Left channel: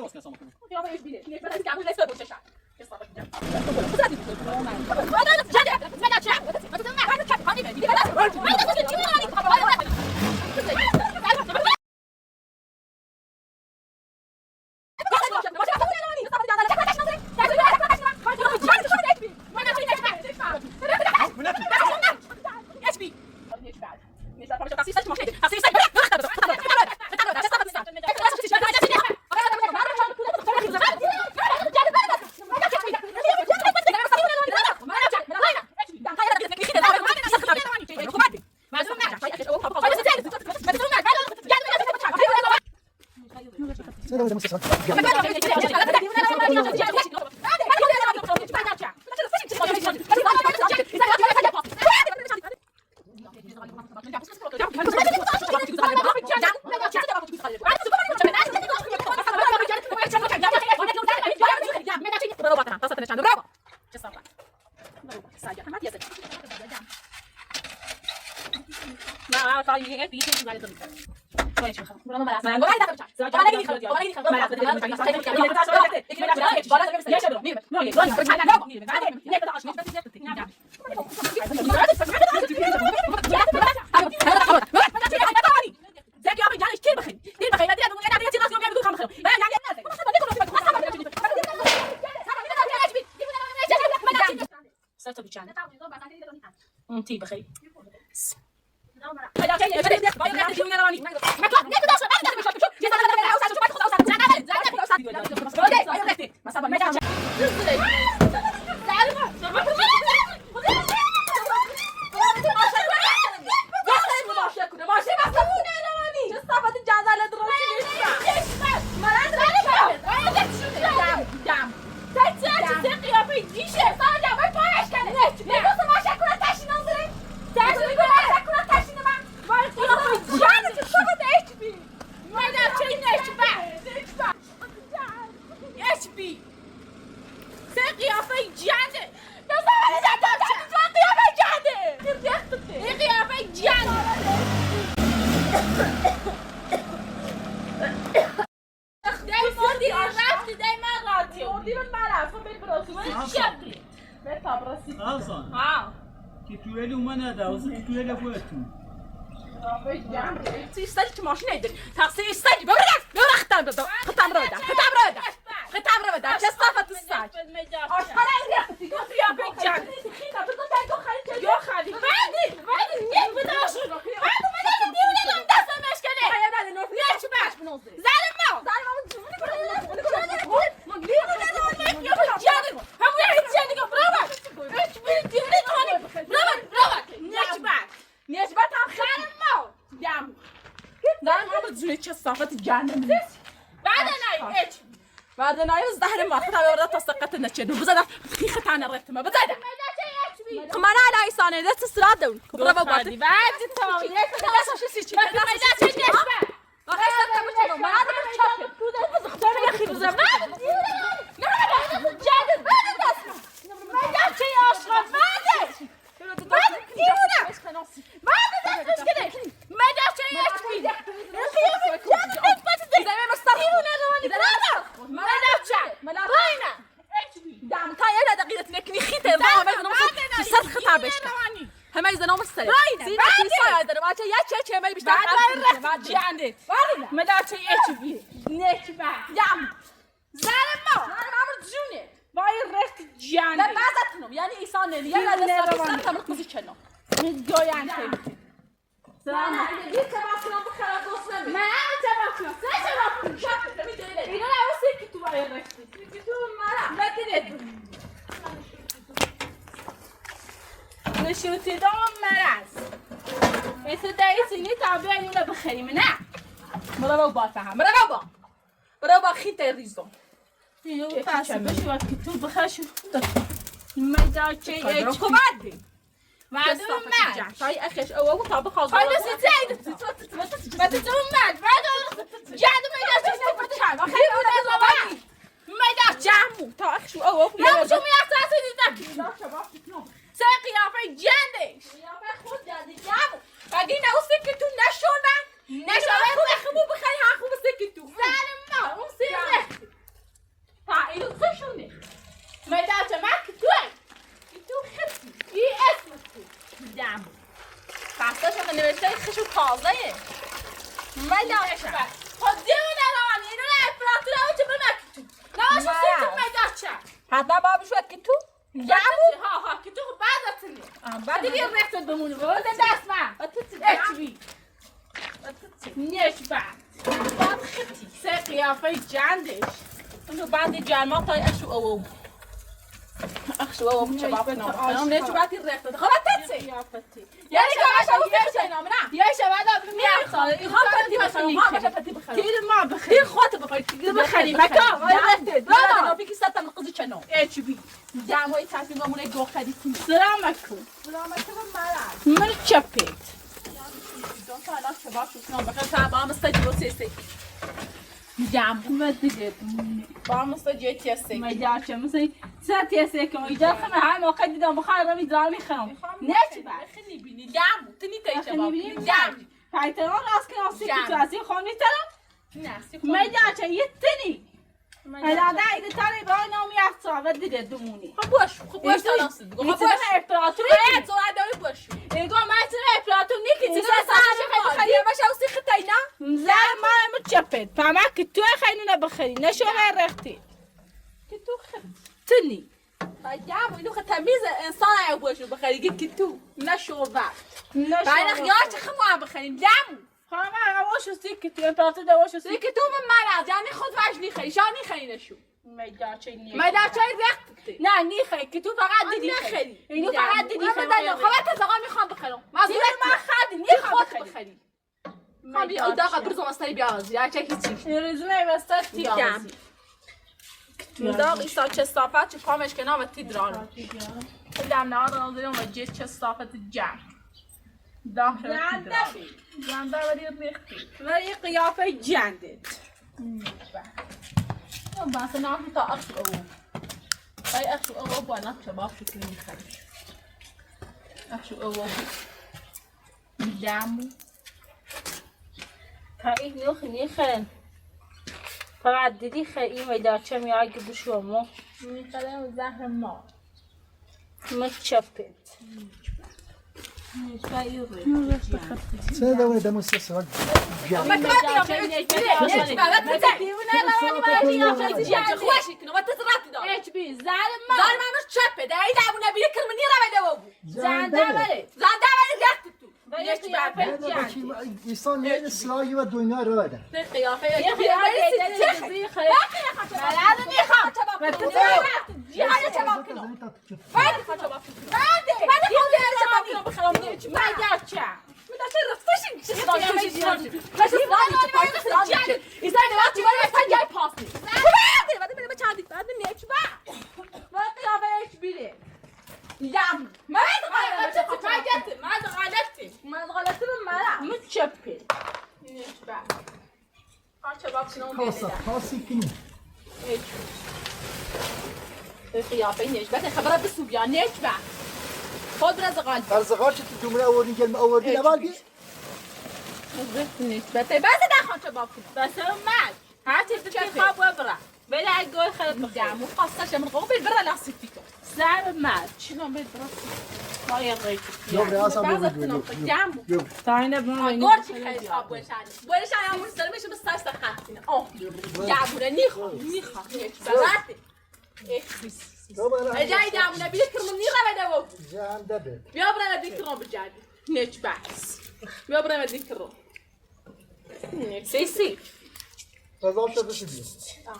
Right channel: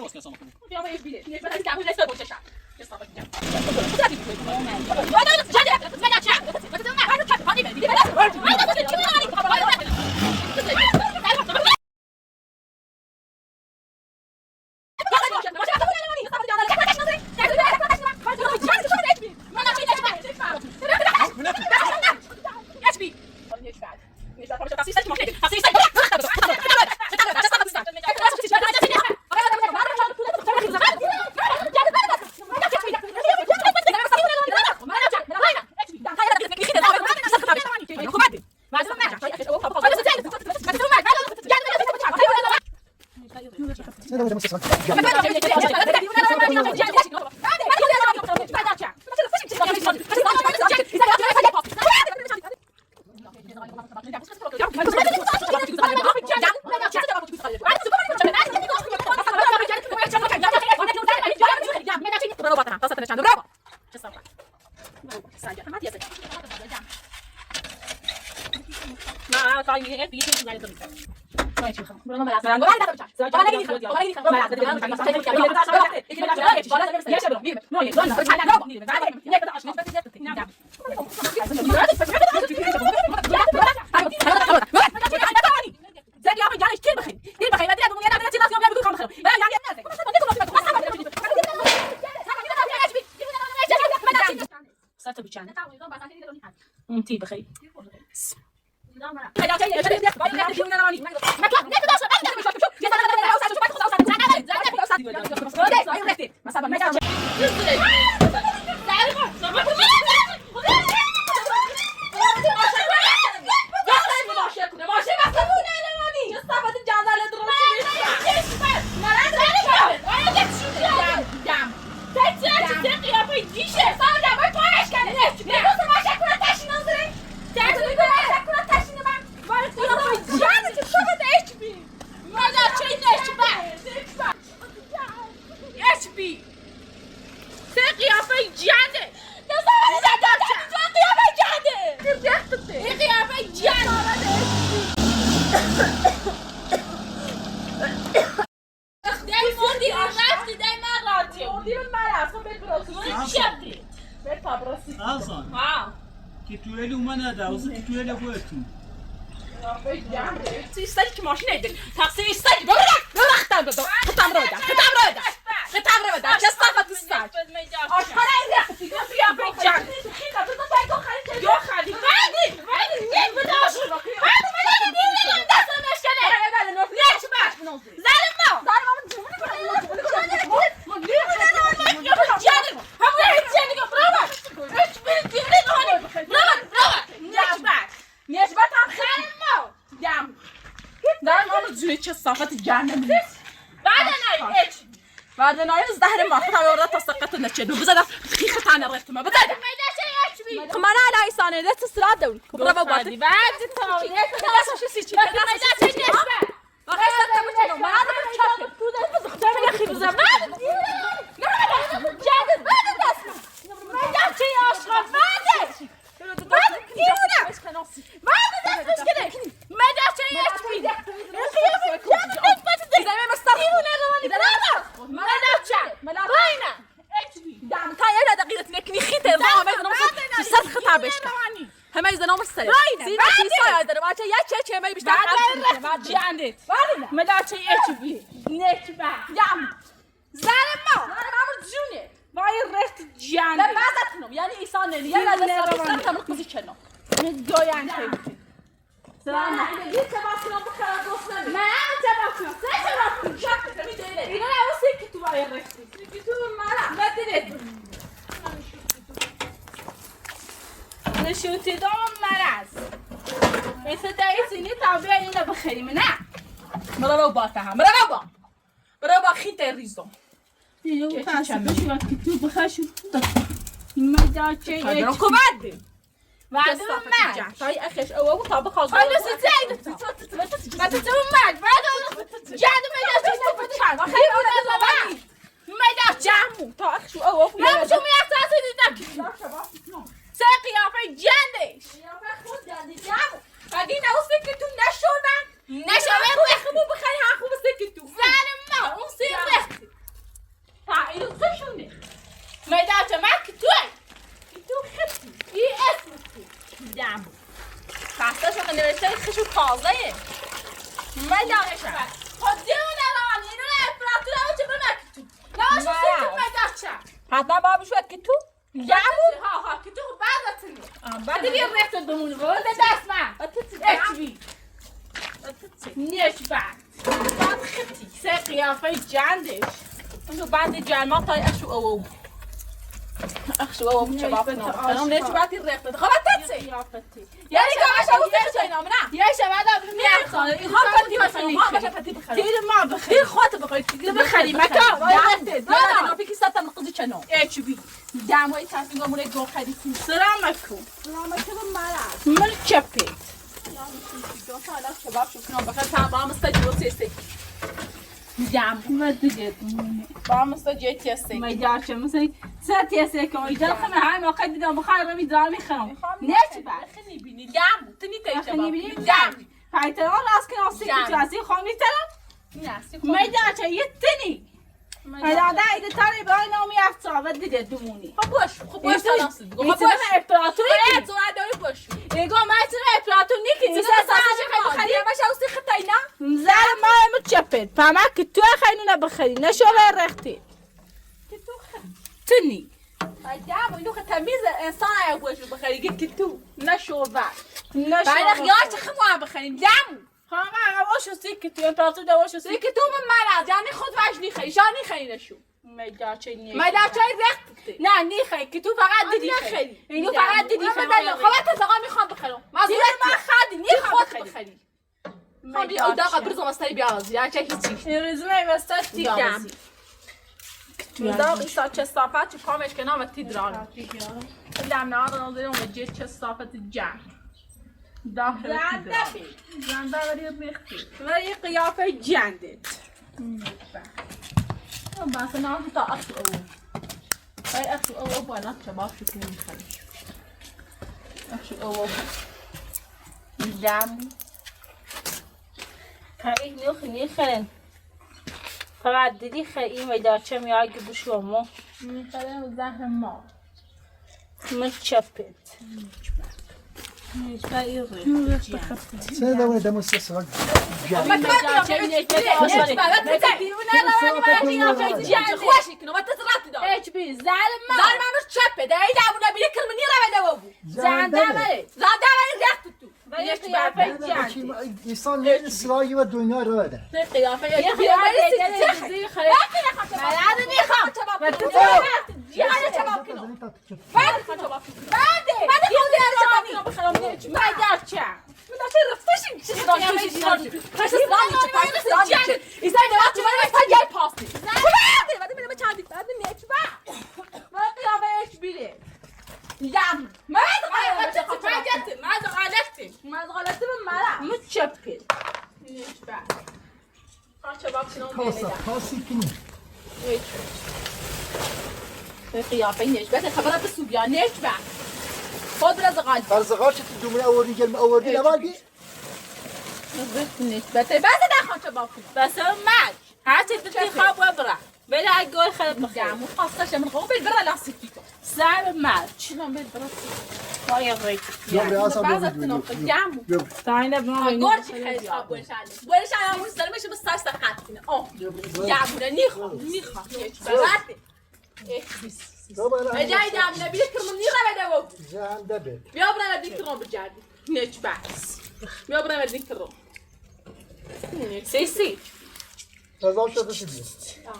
ده واسه سما کنم یا به بیه نه بدن که همون رسه بوشش استفاده کنم انتي بخير تیتویلی اومد داوز تیتویلی بودتون. استاذ ماشین ایده. تاکسی استاذ ببرختم بده. ختم رویده. چه صافت استاذ. آشپزی ریختی. یا بیچاره. خیلی تو تو خالی. یا خالی. ولی یک بداش. ولی دیگه دست مشکله. یک باش. زلمه. چه صافت جهنم بعد نایم زهر ما خدا ورده تسقط نشده بزد خیخ تانه رفت ما بزد خمانه على إنسانه ده تسرع دوي كبره بابات بعد تاوي ده شو سيتش ده رئيس التمثيل ما هذا بالشكل بزختار يا أخي بزم جادل بعد الناس ما جاب شيء أصلا بعد كيونا بعد الناس مشكلة ما جاب شيء أشبي زي ما مسترخون إذا لا ما لا راينا دام تايا لا دقيقة نكني خيتة ضاع ما يزنو مصر خطا بشكا هم يزنو مصر سينا سيسا يزنو ما يا تشي ما يبشتاق بعد يعني ما لا شيء أشبي نيك بعد يام زلمة أنا عمرت جوني باي الرست جان لا ما زتنم يعني إنسان اللي يلا لا تمر كذي كنا نجوا يعني خيبتي سلام عليكم تبعكم بخير دوسنا ما تبعكم تبعكم شاف تبي تقولي إذا لا وسيك تبغى الرست تقول ما لا تدري نشوتي دوم مرز إذا دايسيني تعبي إلى بخير منع مرا با خيت الريزو يو تاسو وقت تو بخشو ما داچي ركوبات بعد ما طاي اخش او طابخ خالص خلاص زايد ما تتومك بعد جاد ما داچي فتحان خير ولا ما داچي جامو تا اخش او لا شو ما يحتاج ساقي يا في جاندش يا خود يعني جامو قاعدين اوسكتو نشونا نشونا خو بخير ها خو بسكتو زالم ما اوسكتو 12 مدارچه خب دیونه روان اینو افراطی رو چه بمکتو نماشه مرد. سیتو مدارچه حتما بابشو که تو جمو ها که تو بعدتنی بعد دیگه رفت دمون بود دست من اچبی نیش بعد سه قیافه جندش اونو بعد جرما تا اشو او چه باقی نام نه چه بعدی رفت خب تتسی یعنی گاش او چه نام نه یه شبه دادم میخوام این ها پتی مثلا ها پتی بخری تیر ما بخیر این خودت بخری دیگه بخری متا رفت نه بگی ساعت مقصد چنو اچبی دموی تصمیم مونه دو خریدیم سلامتكم سلامتی مرا من چپید دو تا الان شباب شونا بخیر تمام استجیب سیسی جام و دیگه با مستجیب تیسی ما جاش مثلا ساعتی است که ایجاد خم هم وقت دیدم بخار می دار میخوام نه بعد خیلی بینی جام تنی تای شباب نمیبینی جام فایتران راست که اصلی که تو اصلی خونی طرف نه ما جاش یه تنی هذا ده اذا ترى باين نومي افتح دیگه دمونی خب باش خب باش خب باش امپراتوری باید تو ادای باش ایگو ما ترى امپراتوری نیکی چیزا سازش خیلی خیلی باش اوسی خطاینا زر ما متشپد فما که تو خیلی نبخری نشو رختی تو تنی جام اینو تمیز انسان ای باش بخری که تو نشو بعد نشو بعد خیاش خمو بخریم جام خواهم واشو سیک تو امپراتور ده واشو سیک که تو من مرا جانی خود وجنی خیلی شانی خیلی نشو میداچه نیست ما در چای رخت نه نیخی که تو فقط دیدی خیلی اینو فقط دیدی من بدل خب تا زغا میخوام بخرم دیگه ما خدی نی نیخواد خود بخری خب بیا اون داغ برزم استری بیا از یا چه هیچی رزمه واسه دیگم تو داغ ایسا چه صافت چه پامش کنه و تی درانه دم نه آدم داریم و جه چه صافت جنگ زنده ولی ریختی و یه قیافه جندت بس نه تا اصل او ای اصل او با نه شباب شو کنی خیلی اصل او دم خیلی نوخ نیخن فقط دیدی خیلی میداچه میاگی بشومو میخرم زهر ما متشپد سنة دولة ده مستسرق ما تبغى خوشی کنه و تزرعتی دار. اچ بی زالم ما زار منو چپه ده ای دامون نبیه کلمه نیره بده وابو. زنده ولی زنده ولی لخت تو. ولی قیافه جندی إنسان لين إسرائيل والدنيا رواده نه قیافه یه قیافه قیافه چی دیگه بعد میخوام چباب کنم. بعد چباب کنم. بعد چباب کنم. بعد چباب کنم بخوام نیچ. میداچه میداچه رفتشیم چی خواهی خواهی ایسای دوست چی ولی مثلا یه پاسی. بعد میرم چندی بعد نیچ بعد. و قیافه اچ بیره دم. من غلطی من متشپد نیچ بعد. خواهم چباب کنم خاصة خاصي كني قیافه نیچ بعد خبرت سوبیا نیچ بعد. خود برز غالب. فرزقات تدوم أولين جل أولين أبالي نیچ بعد بس نخوام چباب کنم. بس مات هاتي بدي خواب وبرا بلا اقول خلب دم خاصة من قبل برا لاستيكي. سالم مات شنو بيت برا؟ ما يغيك يوم رأسه بعض بيجي التنوف جامو. يوم تعالى بما قلت خير أبوي شالي. بوي شالي أمور سلمي شو بس تاش تخاتين. جامو نيخو نيخو. براتي. يوم أنا جاي جامو نبيك من نيرة بدو. جان دبل بيابرا نبيك روم بجابي. نيش باكس. بيابرا نبيك روم. سي. رضا شده شدی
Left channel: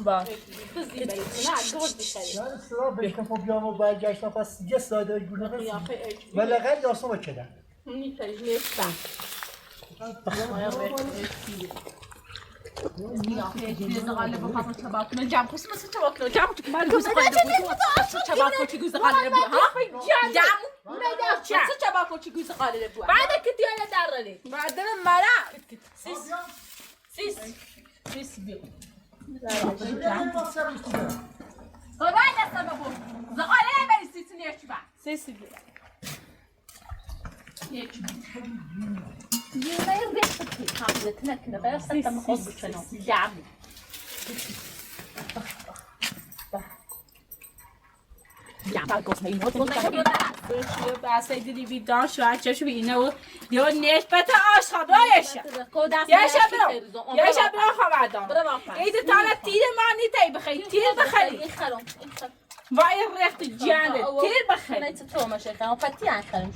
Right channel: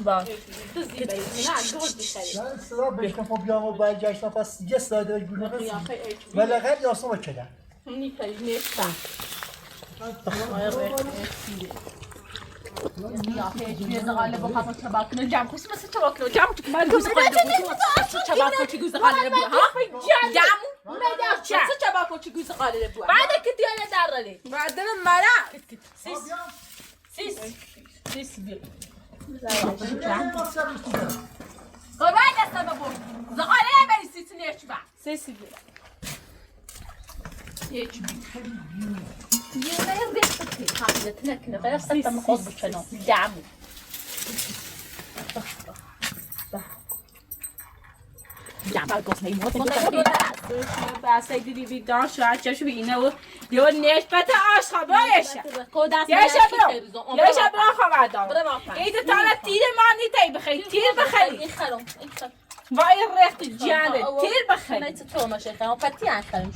باش تزدي بريد. نه دول بشري. نه سلام بهشتم خب بیام و باید جشن پس یه ساده گونه يا رسی أخي إيش. ولی غیر یاسو بچه مني كلي نيش باكس. بعد كنت انا دارلي بعد المرأة سيس بي وين السبب؟ زغالية بني سيتني يشبع سيس بي يشبع يلا يرضي حطي قاعدة تنكنا بس تم قص بشنو جامو جامو قص نيموت بس دیدی بیدار شو چشو بینه و دیو نسبت آشخابایشه کودست یه شب رو خبر برو دارم واقعا ایده تالا تیر مانی تایی بخیری تیر بخیری این خرم وای رخت جانه تیر بخیری تو ماشه خرم پتی خرم